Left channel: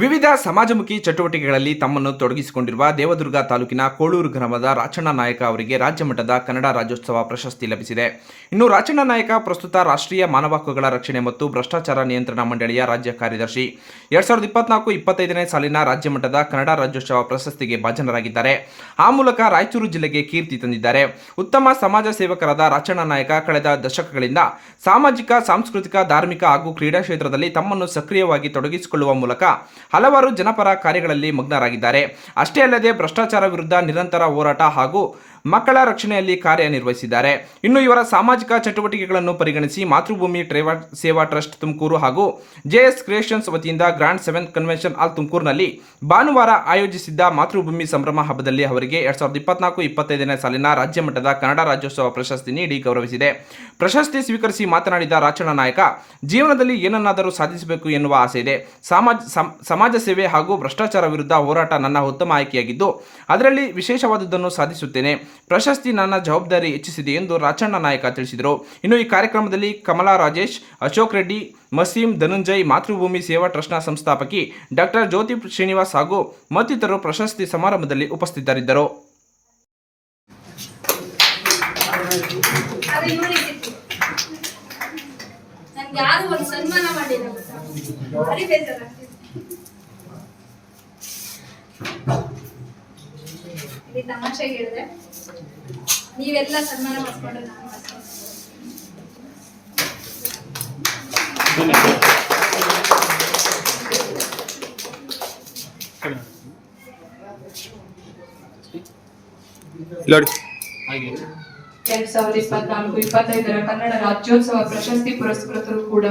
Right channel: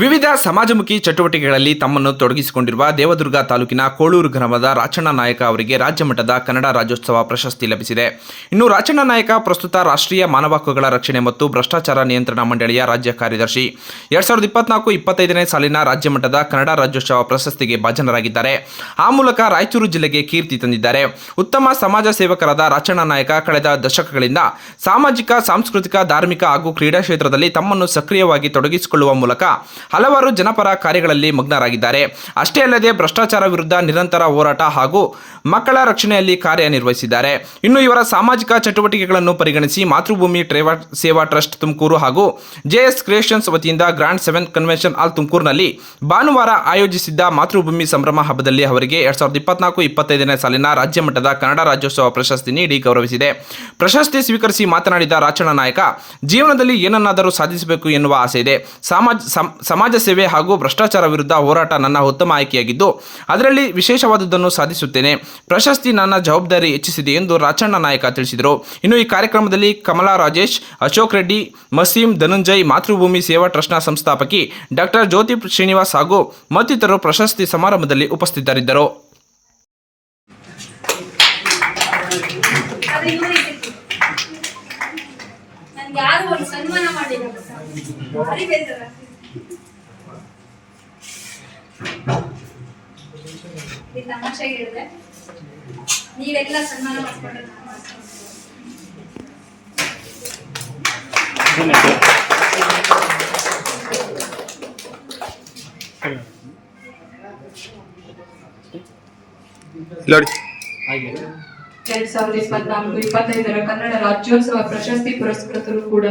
ವಿವಿಧ ಸಮಾಜಮುಖಿ ಚಟುವಟಿಕೆಗಳಲ್ಲಿ ತಮ್ಮನ್ನು ತೊಡಗಿಸಿಕೊಂಡಿರುವ ದೇವದುರ್ಗ ತಾಲೂಕಿನ ಕೋಳೂರು ಗ್ರಾಮದ ರಾಚಣ್ಣ ನಾಯಕ ಅವರಿಗೆ ರಾಜ್ಯ ಮಟ್ಟದ ಕನ್ನಡ ರಾಜ್ಯೋತ್ಸವ ಪ್ರಶಸ್ತಿ ಲಭಿಸಿದೆ. ಇನ್ನು ರಾಚಣ್ಣ ನಾಯಕ ಪ್ರಸ್ತುತ ರಾಷ್ಟ್ರೀಯ ಮಾನವ ಹಕ್ಕುಗಳ ರಕ್ಷಣೆ ಮತ್ತು ಭ್ರಷ್ಟಾಚಾರ ನಿಯಂತ್ರಣ ಮಂಡಳಿಯ ರಾಜ್ಯ ಕಾರ್ಯದರ್ಶಿ. ಎರಡ್ ಸಾವಿರದ ಇಪ್ಪತ್ನಾಲ್ಕು ಇಪ್ಪತ್ತೈದನೇ ಸಾಲಿನ ರಾಜ್ಯ ಮಟ್ಟದ ಕನ್ನಡ ರಾಜ್ಯೋತ್ಸವ ಪ್ರಶಸ್ತಿಗೆ ಭಾಜನರಾಗಿದ್ದಾರೆ. ಆ ಮೂಲಕ ರಾಯಚೂರು ಜಿಲ್ಲೆಗೆ ಕೀರ್ತಿ ತಂದಿದ್ದಾರೆ. ಉತ್ತಮ ಸಮಾಜ ಸೇವಕರಾದ ರಾಚಣ್ಣ ನಾಯಕ ಕಳೆದ ದಶಕಗಳಿಂದ ಸಾಮಾಜಿಕ, ಸಾಂಸ್ಕೃತಿಕ, ಧಾರ್ಮಿಕ ಹಾಗೂ ಕ್ರೀಡಾ ಕ್ಷೇತ್ರದಲ್ಲಿ ತಮ್ಮನ್ನು ಸಕ್ರಿಯವಾಗಿ ತೊಡಗಿಸಿಕೊಳ್ಳುವ ಮೂಲಕ ಹಲವಾರು ಜನಪರ ಕಾರ್ಯಗಳಲ್ಲಿ ಮಗ್ನರಾಗಿದ್ದಾರೆ. ಅಷ್ಟೇ ಅಲ್ಲದೆ ಭ್ರಷ್ಟಾಚಾರ ವಿರುದ್ಧ ನಿರಂತರ ಹೋರಾಟ ಹಾಗೂ ಮಕ್ಕಳ ರಕ್ಷಣೆಯಲ್ಲಿ ಕಾರ್ಯನಿರ್ವಹಿಸಿದ್ದಾರೆ. ಇನ್ನು ಇವರ ಸಾಮಾಜಿಕ ಚಟುವಟಿಕೆಗಳನ್ನು ಪರಿಗಣಿಸಿ ಮಾತೃಭೂಮಿ ಟ್ರೇವಾ ಸೇವಾ ಟ್ರಸ್ಟ್ ತುಮಕೂರು ಹಾಗೂ ಜೆಎಸ್ ಕ್ರಿಯೇಷನ್ಸ್ ವತಿಯಿಂದ ಗ್ರ್ಯಾಂಡ್ ಸೆವೆನ್ ಕನ್ವೆನ್ಷನ್ ಹಾಲ್ ತುಮಕೂರಿನಲ್ಲಿ ಭಾನುವಾರ ಆಯೋಜಿಸಿದ್ದ ಮಾತೃಭೂಮಿ ಸಂಭ್ರಮ ಹಬ್ಬದಲ್ಲಿ ಅವರಿಗೆ ಎರಡ್ ಸಾವಿರದ ಇಪ್ಪತ್ನಾಲ್ಕು ಇಪ್ಪತ್ತೈದನೇ ಸಾಲಿನ ರಾಜ್ಯ ಮಟ್ಟದ ಕನ್ನಡ ರಾಜ್ಯೋತ್ಸವ ಪ್ರಶಸ್ತಿ ನೀಡಿ ಗೌರವಿಸಿದೆ. ಪ್ರಶಸ್ತಿ ಸ್ವೀಕರಿಸಿ ಮಾತನಾಡಿದ ರಾಚಣ ನಾಯಕ, ಜೀವನದಲ್ಲಿ ಏನನ್ನಾದರೂ ಸಾಧಿಸಬೇಕು ಎನ್ನುವ ಆಸೆ ಇದೆ. ಸಮಾಜ ಸಮ್- ಸಮಾಜ ಸೇವೆ ಹಾಗೂ ಭ್ರಷ್ಟಾಚಾರ ವಿರುದ್ಧ ಹೋರಾಟ ನನ್ನ ಉತ್ತಮ ಆಯ್ಕೆಯಾಗಿದ್ದು, ಅದರಲ್ಲಿ ವಿಶೇಷವಾದದ್ದನ್ನು ಸಾಧಿಸುತ್ತೇನೆ. ಪ್ರಶಸ್ತಿ ನನ್ನ ಜವಾಬ್ದಾರಿ ಹೆಚ್ಚಿಸಿದೆ ಎಂದು ರಾಚಣ್ಣ ನಾಯಕ ತಿಳಿಸಿದರು. ಇನ್ನು ಈ ಕಾರ್ಯಕ್ರಮದಲ್ಲಿ ಕಮಲಾ ರಾಜೇಶ್, ಅಶೋಕ್ ರೆಡ್ಡಿ, ಮಸೀಂ ಧನುಂಜಯ್, ಮಾತೃಭೂಮಿ ಸೇವಾ ಟ್ರಸ್ಟ್ನ ಸಂಸ್ಥಾಪಕಿ ಡಾಕ್ಟರ್ ಜ್ಯೋತಿ ಶ್ರೀನಿವಾಸ್ ಹಾಗೂ ಮತ್ತಿತರರು ಪ್ರಶಸ್ತಿ ಸಮಾರಂಭದಲ್ಲಿ ಉಪಸ್ಥಿತರಿದ್ದರು. ನನ್ಗೆ ಯಾರು ಒಂದು ಸನ್ಮಾನ ಮಾಡಿಲ್ಲ ಭಾರಿ ಬೇಸರ ಈ ತಮಾಷೆಗೆ ಹೇಳಿದೆ ನೀವೆಲ್ಲ ಸನ್ಮಾನ ಮಾಡಿಸ್ಕೊಂಡ್ರೆ ನಾನು ನೋಡಿ ಎರಡ್ ಸಾವಿರದ ಇಪ್ಪತ್ನಾಲ್ಕು, ಇಪ್ಪತ್ತೈದರ ಕನ್ನಡ ರಾಜ್ಯೋತ್ಸವ ಪ್ರಶಸ್ತಿ ಪುರಸ್ಕೃತರು ಕೂಡ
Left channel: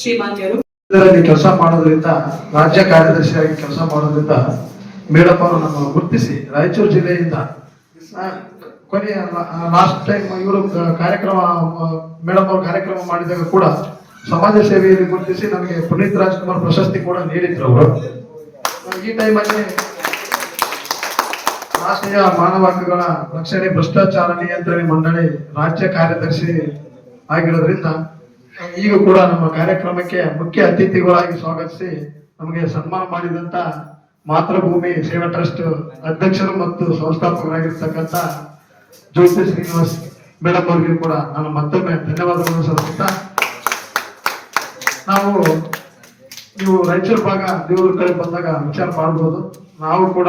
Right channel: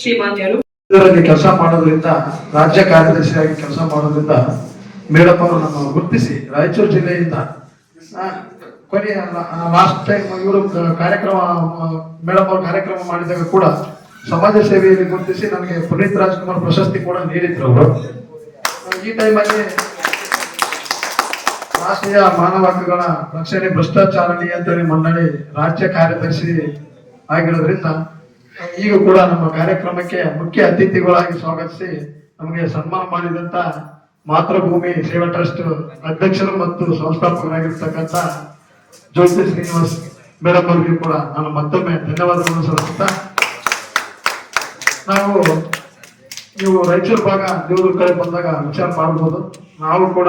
ಶ್ರೀಮಾನ್ಯರು. ಕೆಲಸ ಮಾಡೋದ್ರಿಂದ, ರಾಜ್ಯ ಕಾರ್ಯದರ್ಶಿಯಾಗಿ ಕೆಲಸ ಮಾಡೋದ್ರಿಂದ ಮೇಡಮ್ ಅವರು ಗುರುತಿಸಿ, ರಾಯಚೂರು ಜಿಲ್ಲೆಯಿಂದ ಕೊನೆಯ ಲಾಸ್ಟ್ ಟೈಮ್ ಇವರು ಕಾರ್ಯಕ್ರಮ ಮೇಡಮ್ ಅವರು ಕಾರ್ಯಕ್ರಮ ಮಾಡಿದಾಗ ಕೂಡ ಸಮಾಜ ಸೇವೆಯಲ್ಲಿ ಗುರುತಿಸಿ ನನಗೆ ಪುನೀತ್ ರಾಜ್ಕುಮಾರ್ ಪ್ರಶಸ್ತಿ ಕೂಡ ನೀಡಿದ್ರು ಅವರು. ಈ ಟೈಮಲ್ಲಿ ರಾಷ್ಟ್ರೀಯ ಮಾನವ ಹಕ್ಕುಗಳ ರಕ್ಷಣೆ ಭ್ರಷ್ಟಾಚಾರ ನಿಯಂತ್ರಣ ಮಂಡಳಿ ರಾಜ್ಯ ಕಾರ್ಯದರ್ಶಿ ಆಗಿರೋದ್ರಿಂದ ಈಗ ಕೂಡ ನಮ್ಮ ಕಾರ್ಯಕ್ರಮಕ್ಕೆ ಮುಖ್ಯ ಅತಿಥಿಗಳಾಗಿ ಸ್ವಾಗತಿಸಿ ನಮಗೆ ಸನ್ಮಾನ ಮಾಡಿದಂತ ಮಾತೃಭೂಮಿ ಸೇವಾ ಟ್ರಸ್ಟ್ ಅಧ್ಯಕ್ಷರು ಮತ್ತು ಸಂಸ್ಥಾಪಕರಾಗಿರ್ತಕ್ಕಂಥ ಜ್ಯೋತಿ ಶ್ರೀನಿವಾಸ್ ಮೇಡಮ್ ಅವರಿಗೆ ಕೂಡ ನಾನು ಮತ್ತೊಮ್ಮೆ ಧನ್ಯವಾದಗಳನ್ನು ಸಲ್ಲಿಸುತ್ತಾ, ನಾವು ನೀವು ರಾಯಚೂರು ಭಾಗ ದೇವರು ಕಡೆ ಬಂದಾಗ ವಿಚಾರ ಮಾಡಬಹುದು ನಾವು ಕೂಡ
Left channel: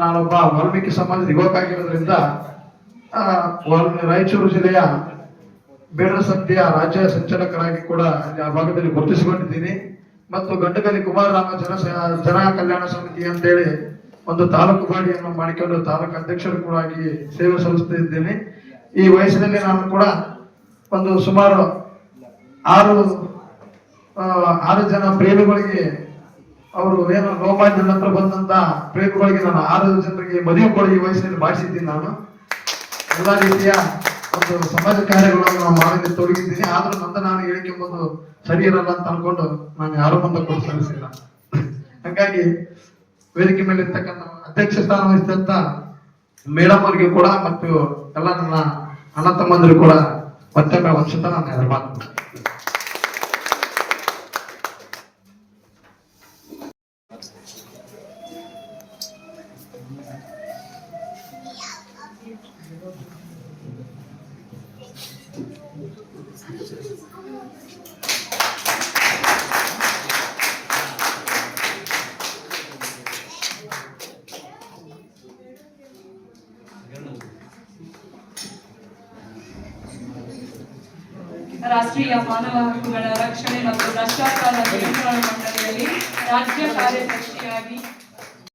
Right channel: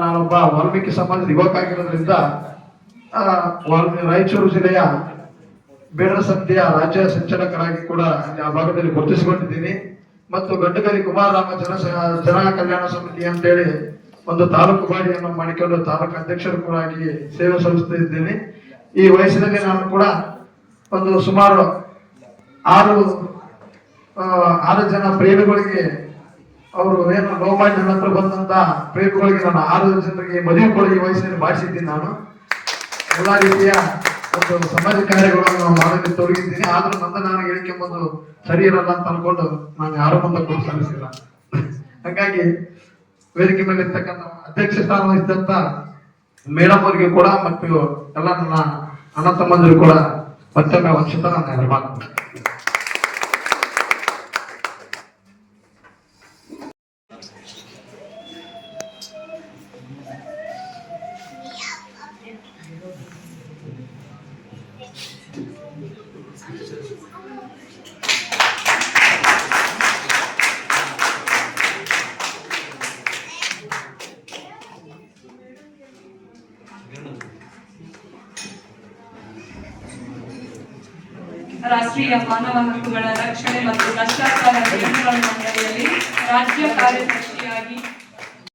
ನಾನೊಬ್ಬ ವಾಲ್ಮೀಕಿ ಸಮಾಜದ ಯುವಕ ಆಗಿರೋದ್ರಿಂದ ರಾಯಚೂರು ಜಿಲ್ಲೆಯ ಬೇಡ ಸಮಿತಿಯ ರಾಜ್ಯ ಸಂಚಾಲಕರಾಗಿ ಕೂಡ ಆ ಭಾಗದಲ್ಲಿ ಗುರುತಿಸಿಕೊಂಡಿದ್ದೀನಿ. ಮತ್ತು ಗಂಡಗಲಿ ಕುಮಾರರಾಮ ಜನ ಜನ ಕಲ್ಯಾಣ ಸಮಿತಿ ಅಂತೇಳಿ ಒಂದು ತಾಲೂಕು ಬಾಡಿಯನ್ನು ಮಾಡಿಕೊಂಡು ತಾಲೂಕು ಅಧ್ಯಕ್ಷರು ಕೂಡ ಆಗಿ ಸೇವೆ ಸಲ್ಲಿಸುತ್ತಿದ್ದೇನೆ ಈ ವಯಸ್ಸಿನಲ್ಲಿ ನಾನು ಕೂಡ ಒಂದು ಸುಮಾರು ಆರು ಆರು ಜನ ಪ್ರೇಮಿಗಳಿಗೆ ಅವರು ಏನು ಲೋಮಾನ್ಯ ನಂತರ ಬಂದಂತ ಪ್ರೇಮಿಗಳಿಗೆ ನಾನು ಆರು ಜನರಿಗೆ ಮದುವೆ ಕೊಡುಗೆ ಈ ಬಾಡಿಸಿದ್ದೀನಿ ನಾನು. ಎಲ್ಲ ರೀತಿಯ ಒಂದು ಸಮಾಜ ಕಾರ್ಯಗಳನ್ನು ನಾನು ಮಾಡಲು ತೊಡಗಿದ್ದೀನಿ. ಆದ್ರೂ ನನ್ನ ನಾನು ಹೇಳಿಕೆ ಬಂದು ಸರಿ ಇರಲ್ಲ ಅಂತ ಅನ್ಕೊಂಡು ನಾನು ಯಾರು ಬಂದ ಕೂಡ ಸಲ್ಲಿಸಿಲ್ಲ. ಹಾಗಾಗಿ ವೇದಿಕೆ ಮೇಲೆ ಇರ್ತಕ್ಕಂಥ ಅಧ್ಯಕ್ಷ ಸ್ಥಾನ ವಹಿಸಿದಂತ ಮೇಡಮ್ ಅವರಿಗೆ ಕೂಡ ಮತ್ತು ಎಲ್ಲ ನನ್ನ ಅಣ್ಣ ತಮ್ಮಂದಿರು ಕೂಡ ಮತ್ತೊಮ್ಮೆ ವರ್ಷದ ನಾನು ರಾಷ್ಟ್ರೀಯ ಮಾನವ ಹಕ್ಕುಗಳ ರಕ್ಷಣೆ ಮತ್ತು ಭ್ರಷ್ಟಾಚಾರ ನಿಯಂತ್ರಣ ಮಂಡಳಿಯಲ್ಲಿ ರಾಜ್ಯ ಕಾರ್ಯದರ್ಶಿಯಾಗಿ